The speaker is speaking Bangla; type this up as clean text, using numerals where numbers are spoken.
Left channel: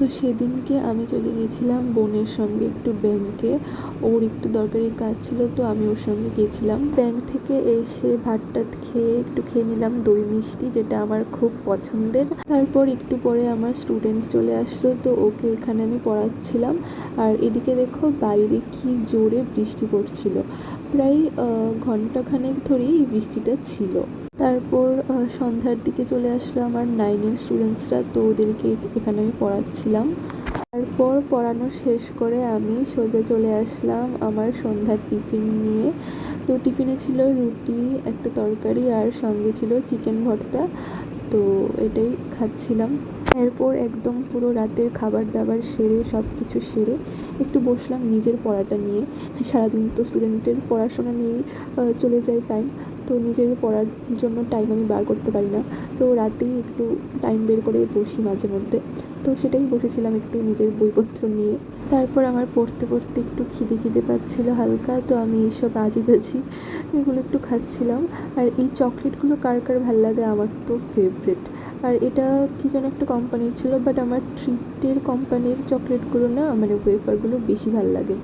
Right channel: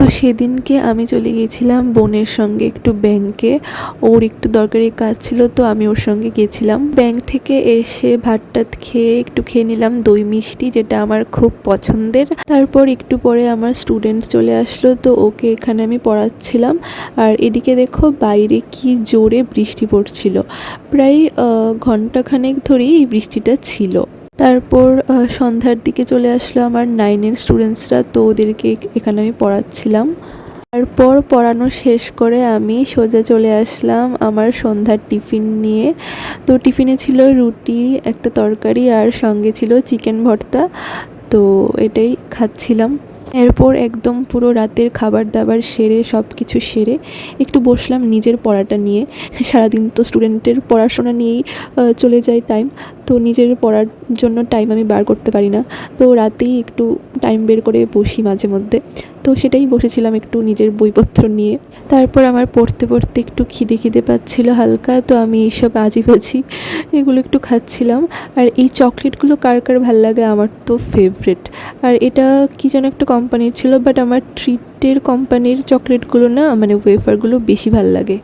তো সেদিনকে আমি চলে গিয়েছিলাম বোনের সঙ্গে একটু ব্যাংকে। ওর একটু দরকারি কাজ ছিল, তো আমি ওর সঙ্গে গিয়েছিলাম। ব্যাংক থেকে এসে ভাত টাত খেয়ে একটু খেয়ে নিলাম দই মিষ্টি, যেটা আমার খুব পছন্দের। তারপর একটু পরে আমার স্টুডেন্ট চলে আসলো, তো ওকে এখানে আমি পড়াচ্ছিলাম। আর এদিকে দেখো বাইরে কি জোরে বৃষ্টি পড়ছিল, প্রায় ঘন্টাখানেক ধরেই এই বৃষ্টিটা ছিল। তারপর সন্ধ্যার দিকে চলে আসলো আমার 9-এর স্টুডেন্টসরা, তো ওদেরকে এখানে আমি পড়াচ্ছিলাম। তারপর পড়ানো শেষ করে আমি সোজা চলে আসলাম আমার সন্ধ্যার টিফিন নিয়ে। তো টিফিনে ছিল রুটি, একটা তরকারি আর সঙ্গে ছিল চিকেন ভর্তা। তো এটাই খাচ্ছিলাম। এরপর একদম পুরো রাতের খাবার দাবার সেরে সব কিছু সেরে একটু বসলাম নিজের পড়াটা নিয়ে। সারাদিন তো স্টুডেন্টের পড়াশোনা নিয়েই চলে যায় টাইম, তো নিজের পড়ার জন্য টাইম আমি বার করতে পারি না। তো রাতেই একটু টাইম বের করে বসি মাঝে মধ্যে। তো সেটাই বসেছিলাম একটু নিজের বইপত্র নিয়ে। তারপর আমার পড়তে পড়তে একটু খিদে পাচ্ছিল হালকা, তো আমি এইসব আজিবাজি এগুলো একটু খাচ্ছিলাম। আর এই চকলেটগুলো কার কার ভাল লাগে, আমার তো ফেভারিট। আর এটা কি যেন একটা কোম্পানির ছিল, বাট আমার ট্রিটের কোম্পানির চকলেটগুলো না, মানে ওয়েফারগুলো বেশি ভাল লাগে।